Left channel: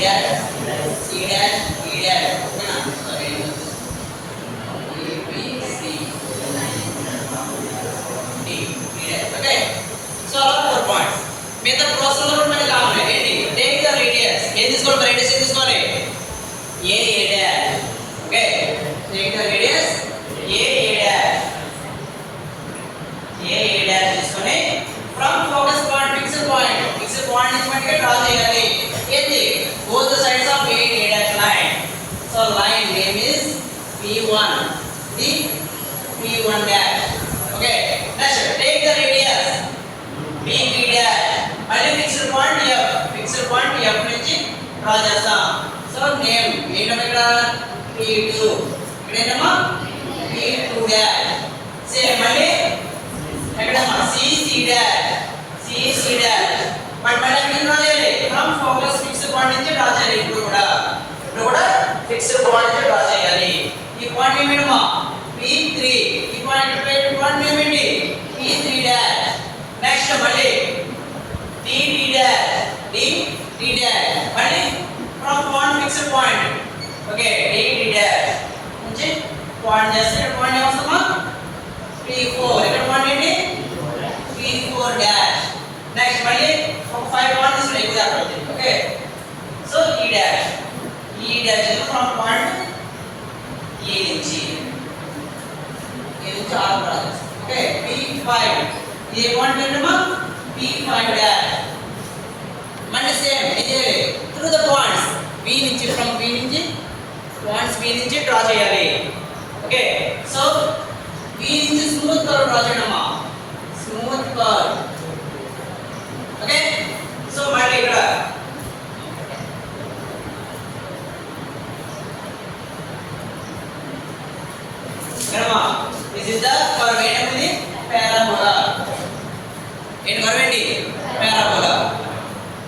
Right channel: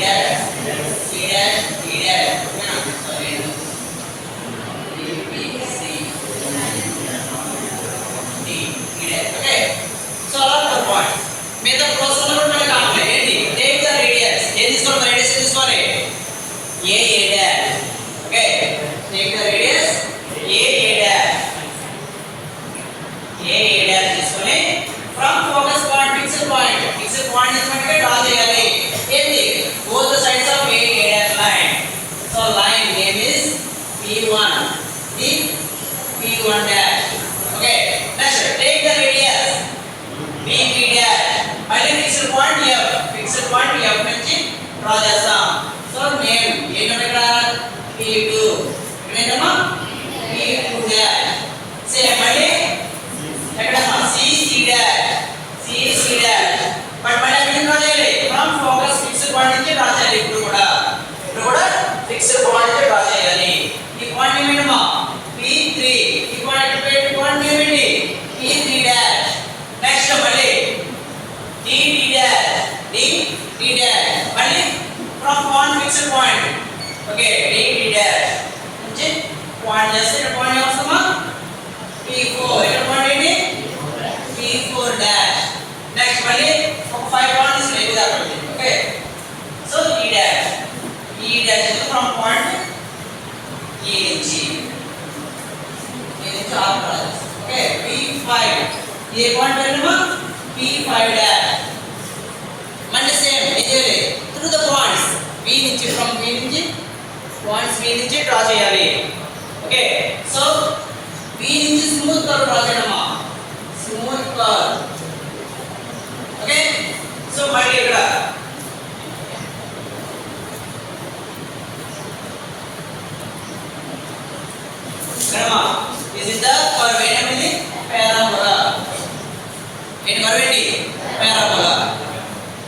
dash, C dash, D dash. Sorry. A B C D dash. Okay. So all four points. మిగతా ప్రాసెస్ లో కూడా మనకి కామన్ ఏంటి take the radius ఏం తీసుకోవాలి రేడియస్ ఏం తీసుకోవాలి A dash okay take the radius A dash తీసుకొని from focus point fixed point తీసుకుంటే డ్రా చేయాలి ఏంటి both the sides of A dash line so line name is P1 the P1 dash okay next take the radius B3 dash మళ్ళీ fixed point F నుంచి draw చేస్తాం so name ఏంటంటే ఇక్కడ P2 ఇక్కడ ఏంటమ్మా P2 డాష్ సేమ్ మళ్ళీ ఎక్కడమ్మా CC dash but మళ్ళీ ఎక్కడ డ్రా చేయాలి ఫ్రమ్ ఫోకస్ ఫిక్స్డ్ పాయింట్ నుంచి డ్రా చేయాలి ఇప్పుడు కూడా ఫిక్స్డ్ పాయింట్ నుంచి డ్రా చేయాలి ఈ పాయింట్ ఏమేనమ్మా P3 ఈ పాయింట్ ఏమేంటి P3 డాష్ నెక్స్ట్ మళ్ళీ D dash మళ్ళీ from point fixed point okay D dash నుంచి పాయింట్ చేస్తే ఇక్కడ పాయింట్ ఏమొస్తుందా P4 ఇక్కడ పాయింట్ ఏంటి P4 డాష్ నెక్స్ట్ మళ్ళీ ఒక 5 పాయింట్స్ తీసుకుని ఇది అక్కడ okay so E dash from point E నుంచి R పాయింట్స్ ఓకే P5 ఏ పాయింట్ ఏంటమ్మా P5 డాష్ మళ్ళీ సేమ్ ఏం చేయాలి త్రూ ద పాయింట్స్ B నుంచి ఫ్రమ్ B నుంచి పాయింట్స్ B నుంచి డ్రా చేయాలి ఓకే సో B నుంచి స్మూత్ కర్వ్ డ్రా చేయడమా స్మూత్ కర్వ్ ఓకే సో మళ్ళీ ఇక్కడ దిస్ ఇస్ ద కర్వ్ ఏంటంటే ఇది పారాబోలా